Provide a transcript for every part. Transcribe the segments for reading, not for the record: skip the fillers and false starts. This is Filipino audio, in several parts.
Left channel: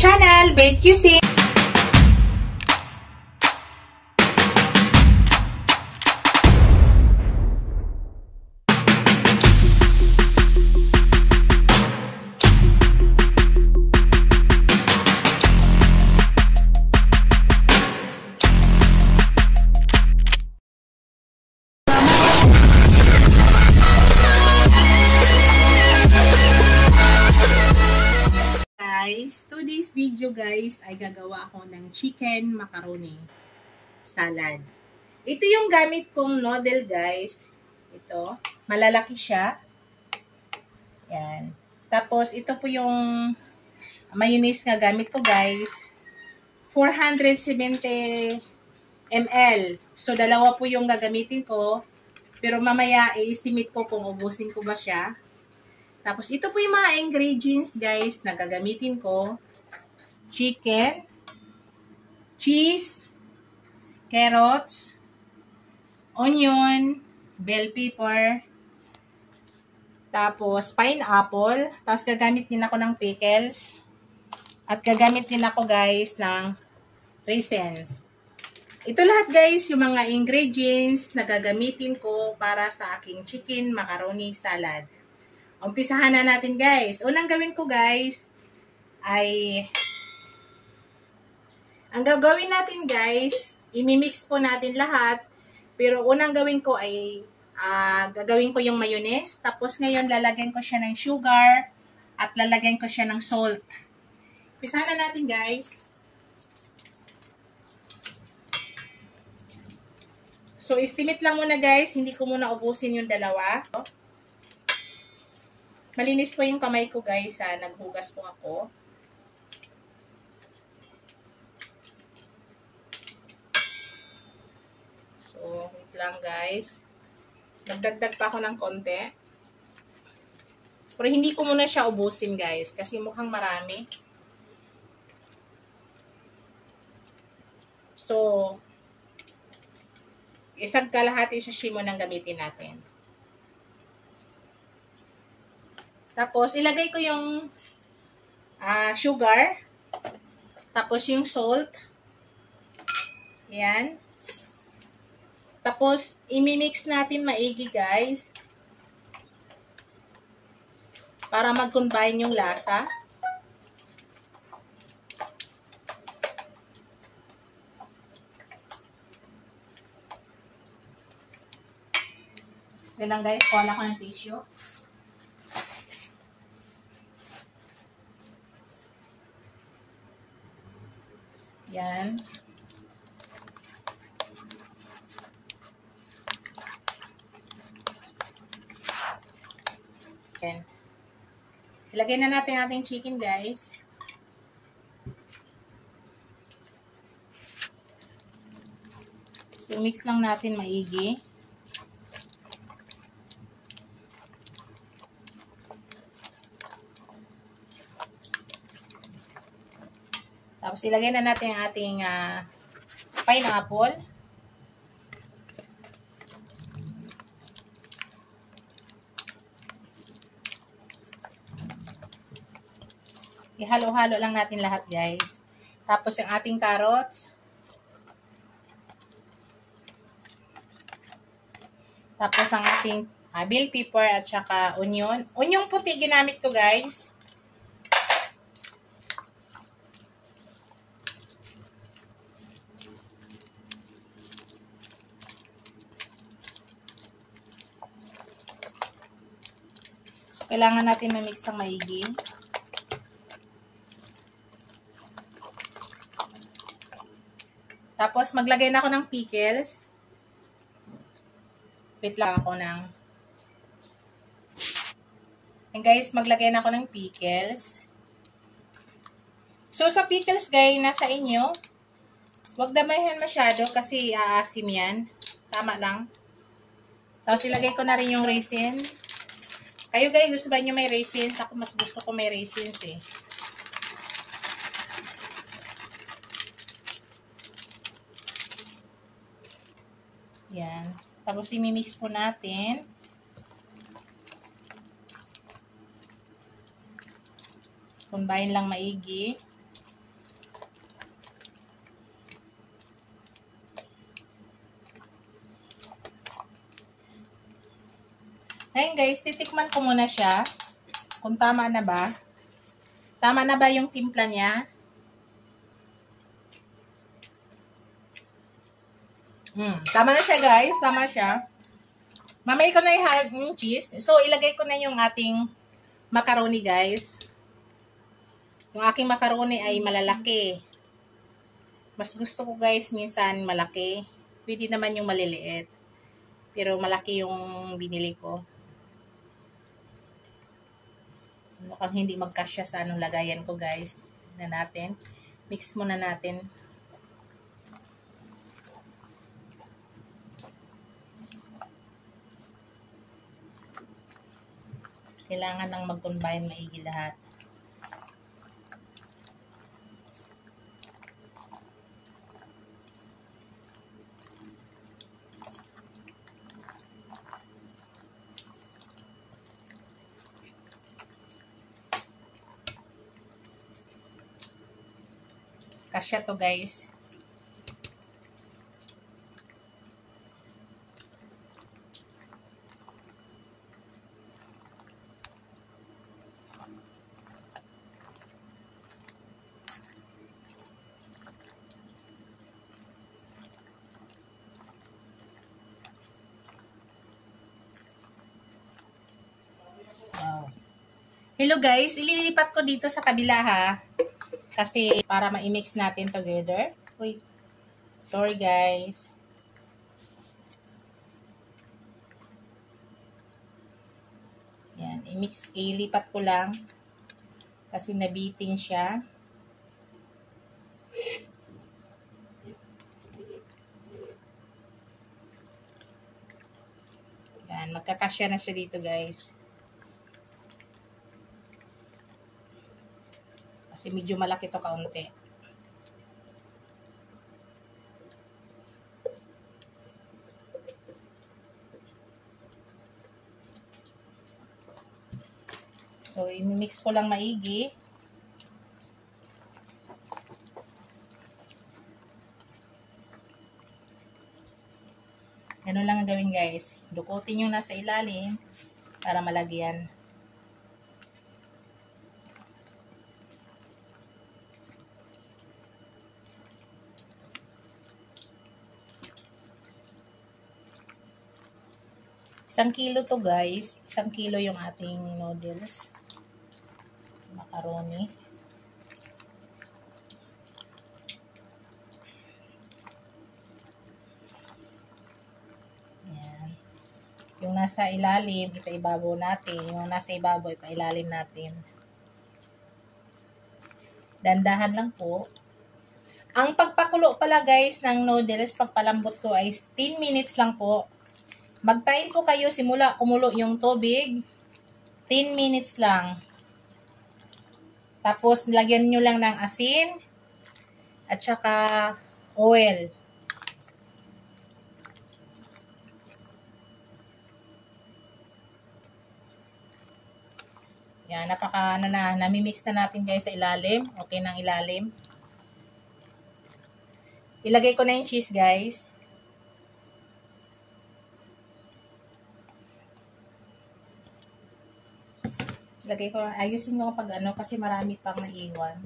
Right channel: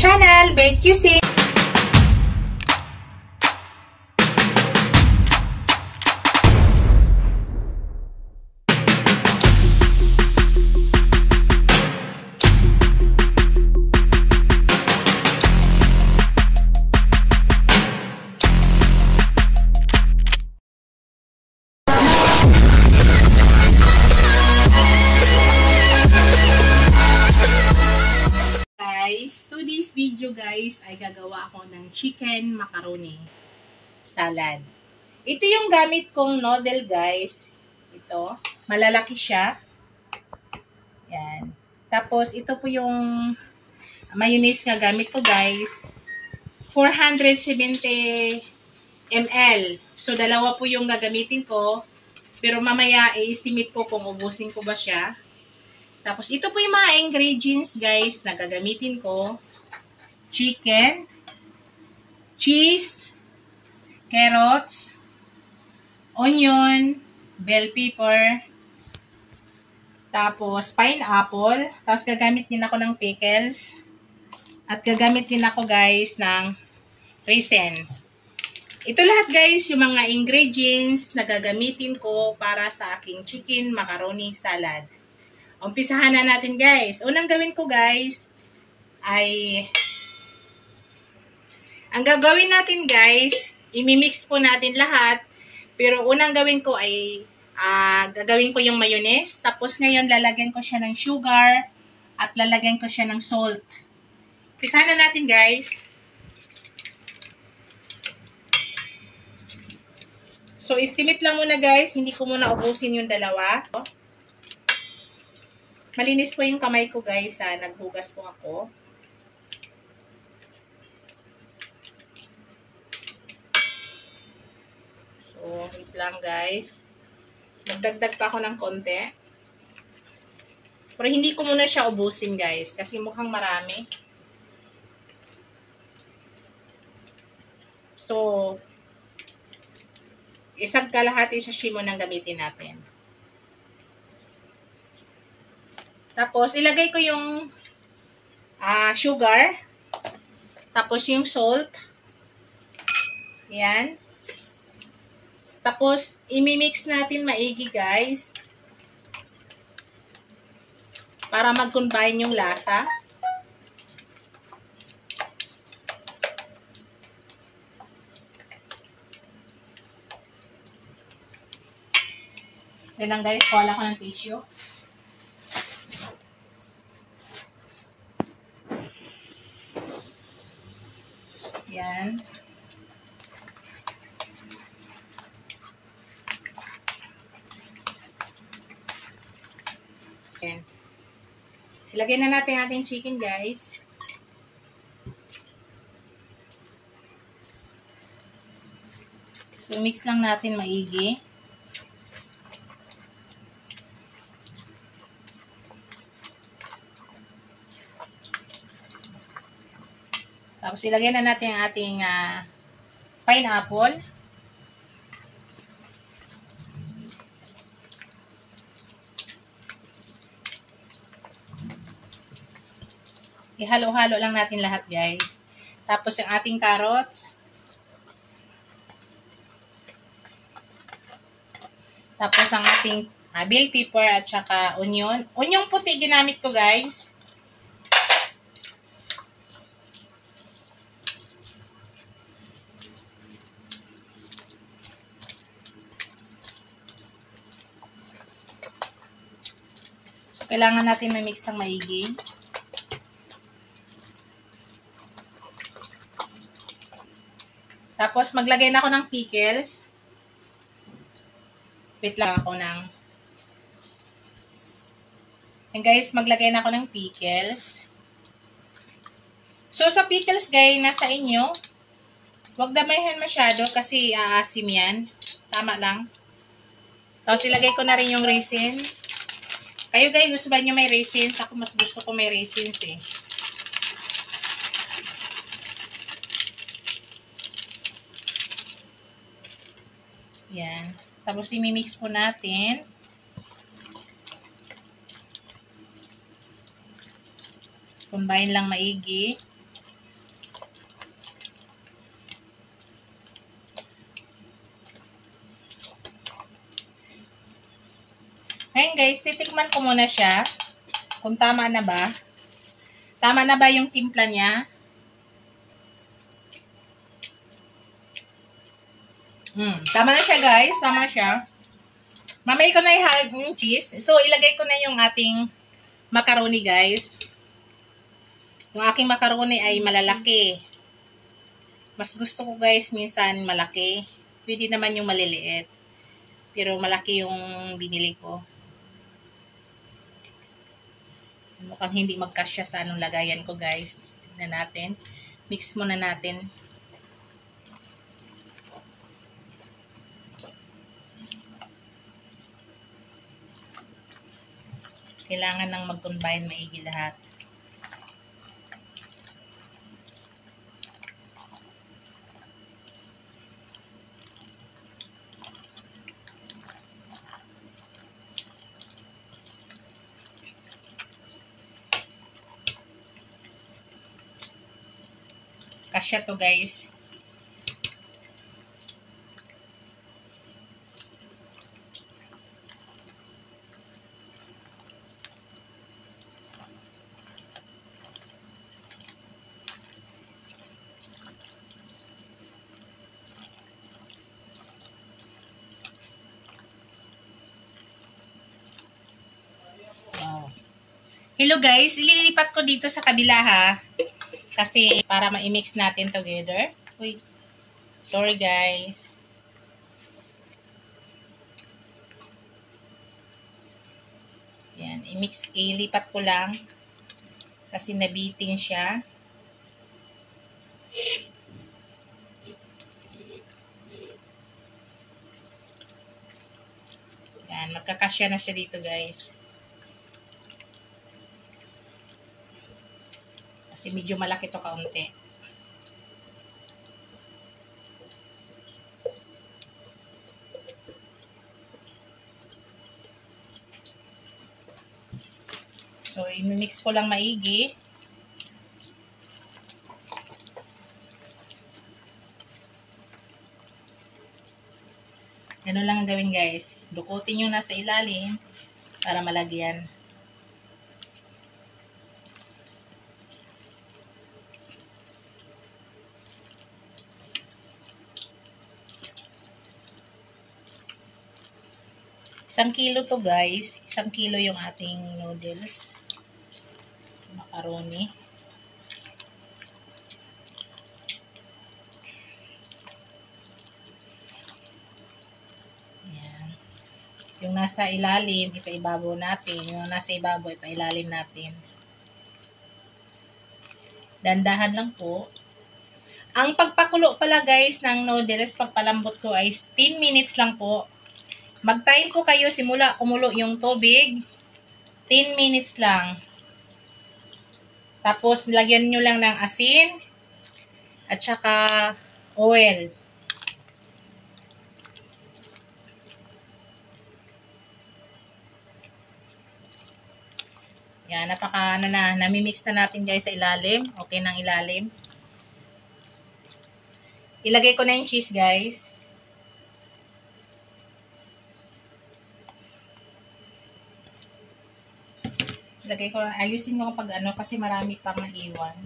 channel, Bake QC. Today's video guys ay gagawa ako ng chicken macaroni salad. Ito yung gamit kong noodle guys. Ito, malalaki siya. Yan. Tapos ito po yung mayonnaise na gamit ko guys. 470 ml. So dalawa po yung gagamitin ko. Pero mamaya i-estimate ko kung ubusin ko ba siya. Tapos ito po yung mga ingredients guys na gagamitin ko. Chicken, cheese, carrots, onion, bell pepper, tapos pineapple, tapos gagamit din ako ng pickles, at gagamit din ako guys ng raisins. Ito lahat guys yung mga ingredients na gagamitin ko para sa aking chicken macaroni salad. Umpisahan na natin guys. Unang gawin ko guys ay ang gagawin natin guys, imimix po natin lahat. Pero unang gawin ko ay gagawin ko yung mayonnaise. Tapos ngayon lalagyan ko siya ng sugar at lalagyan ko siya ng salt. Umpisahan na natin guys. So estimate lang muna guys, hindi ko muna ubusin yung dalawa. Malinis po yung kamay ko guys, naghugas po ako. So, wait lang guys. Nagdagdag pa ako ng konti. Pero hindi ko muna siya ubusin guys, kasi mukhang marami. So, isang kalahati sa shimo nang gamitin natin. Tapos, ilagay ko yung sugar. Tapos, yung salt. Yan. Tapos, imimix natin maigi, guys. Para mag-combine yung lasa. Yan lang, guys. Kuha ko ng tissue. Yan. Yan. Ilagay na natin ating chicken, guys. So, mix lang natin maigi. Tapos, ilagay na natin ang ating pineapple. Ihalo-halo lang natin lahat, guys. Tapos, yung ating carrots. Tapos, ang ating bell pepper at saka onion. Onion puti ginamit ko, guys. So, kailangan natin ma-mix ng maigi. Tapos, maglagay na ako ng pickles. Wait lang ako ng... And guys, maglagay na ako ng pickles. So, sa pickles, guys, nasa inyo. Huwag damayan masyado kasi aasim yan. Tama lang. Tapos, ilagay ko na rin yung raisin. Kayo, guys, gusto ba nyo may raisins? Ako, mas gusto ko may raisins, eh. Yan. Tapos, imimix po natin. Combine lang maigi. Ngayon guys, titikman ko muna siya. Kung tama na ba. Tama na ba yung timpla niya? Tama na siya guys. Tama siya. Mamay ko na yung cheese. So, ilagay ko na yung ating macaroni guys. Yung aking macaroni ay malalaki. Mas gusto ko guys minsan malaki. Pwede naman yung maliliit. Pero malaki yung binili ko. Mukhang hindi magkasya sa anong lagayan ko guys. Tignan natin. Mix muna natin. Kailangan nang mag-combine maigi lahat. Kasya to guys. Wow. Hello guys, ililipat ko dito sa kabila ha. Kasi para ma-mix natin together. Uy. Sorry guys. Yan, ilipat ko lang. Kasi nabiting siya. Yan, magkakasya na siya dito guys. Kasi medyo malaki to kaunti. So, i-mix ko lang maigi. Ganun lang ang gawin guys. Dukutin yung nasa ilalim para malagyan. Isang kilo to guys. 1 kilo yung ating noodles. Macaroni. Yan. Yung nasa ilalim, ipaibabaw natin. Yung nasa ibabaw, ipailalim natin. Dandahan lang po. Ang pagpakulo pala guys ng noodles, pagpalambot ko ay 10 minutes lang po. Mag-time po kayo simula kumulo yung tubig. 10 minutes lang. Tapos, lagyan nyo lang ng asin at saka oil. Yan, namimix na natin guys sa ilalim. Okay ng ilalim. Ilagay ko na yung cheese guys. Lagay ko, ayusin ko pag ano kasi marami pang naiwan.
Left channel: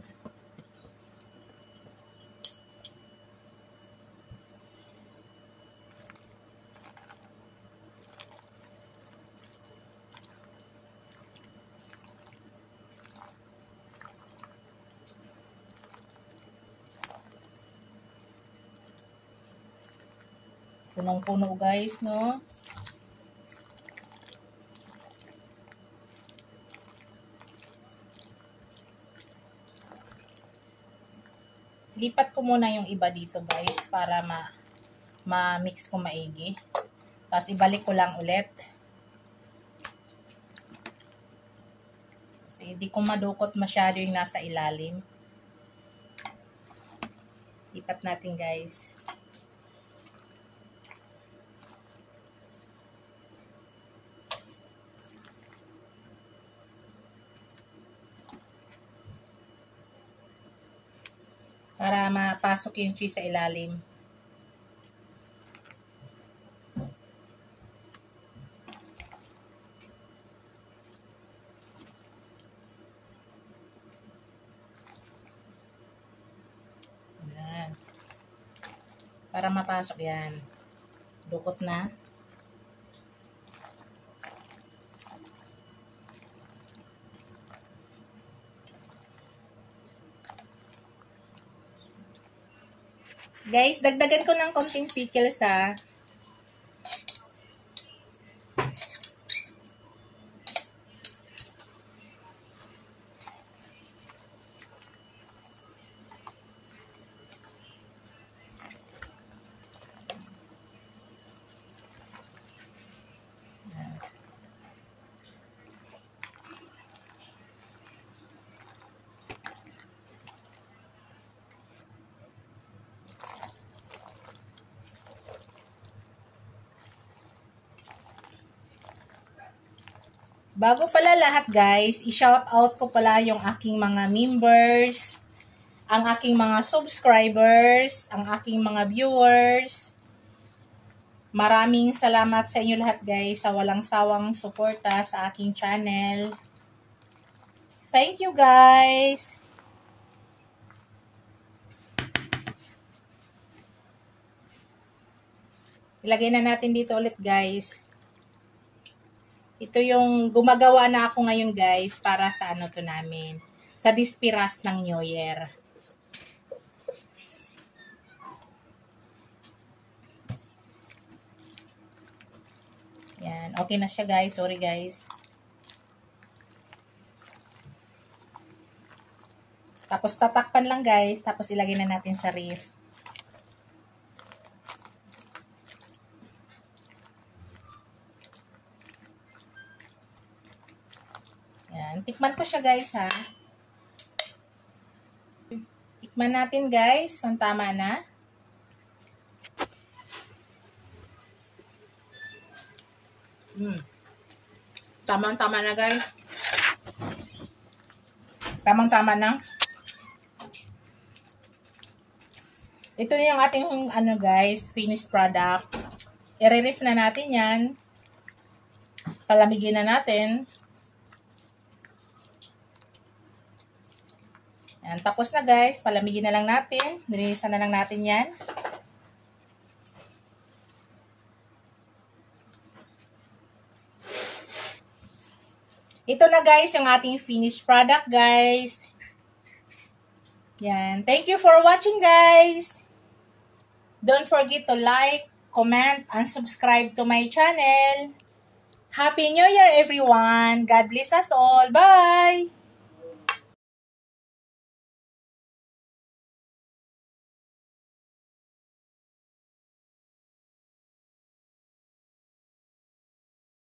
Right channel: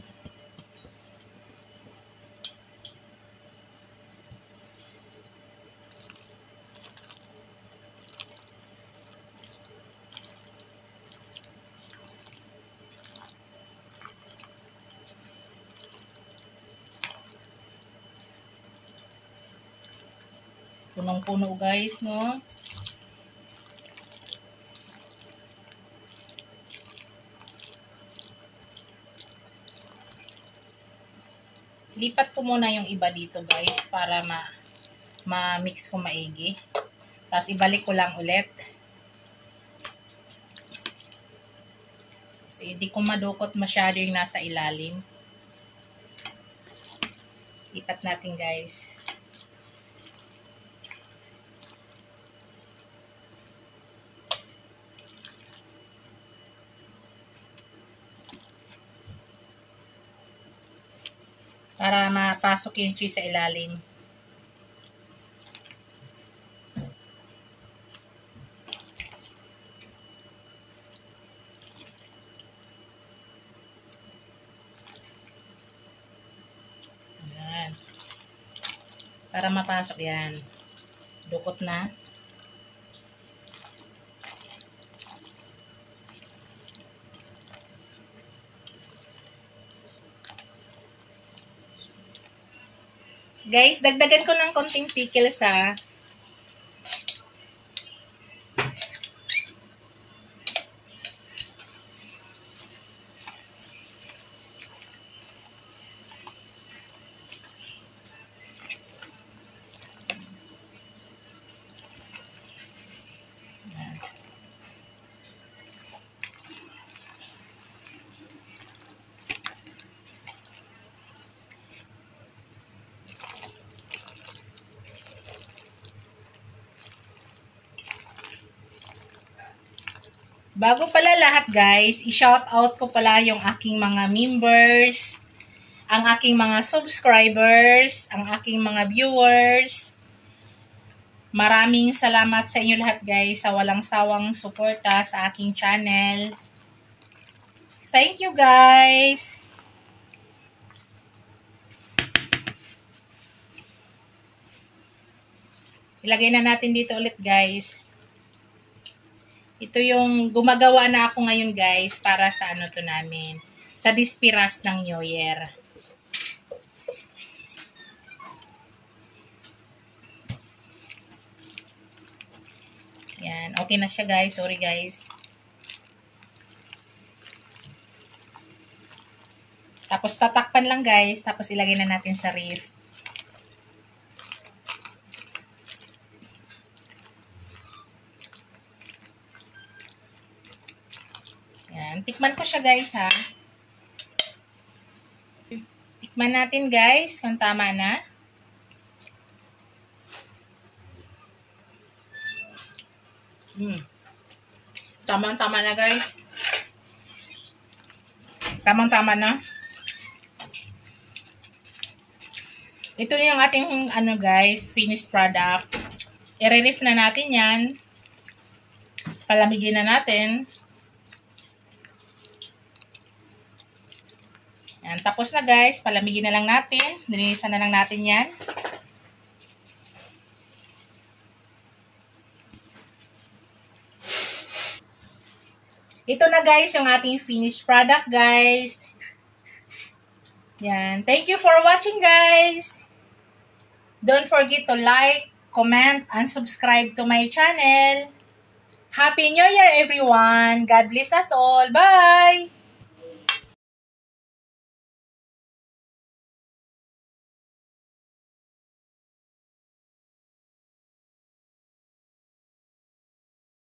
Punong-puno guys, no? Lipat ko muna yung iba dito guys para ma-mix ko maigi. Tapos ibalik ko lang ulit. Kasi hindi ko madukot masyado yung nasa ilalim. Lipat natin guys. Para mapasok yung cheese sa ilalim. Para mapasok yan. Dukot na. Guys, dagdagan ko ng konting pickles ha. Bago pala lahat guys, i-shout out ko pala yung aking mga members, ang aking mga subscribers, ang aking mga viewers. Maraming salamat sa inyo lahat guys sa walang sawang suporta sa aking channel. Thank you guys! Ilagay na natin dito ulit guys. Ito yung gumagawa na ako ngayon guys para sa ano to namin. Sa Dispiras ng New Year. Yan. Okay na siya guys. Sorry guys. Tapos tatakpan lang guys. Tapos ilagay na natin sa ref. Yan. Tikman ko siya guys ha. Tikman natin guys kung tama na. Tamang-tama na guys. Tamang-tama na. Ito na yung ating ano guys, finished product. I-ref na natin yan. Palamigin na natin. Yan, tapos na guys, palamigin na lang natin. Nilinisan na lang natin yan. Ito na guys, yung ating finished product guys. Yan. Thank you for watching guys. Don't forget to like, comment, and subscribe to my channel. Happy New Year everyone. God bless us all. Bye!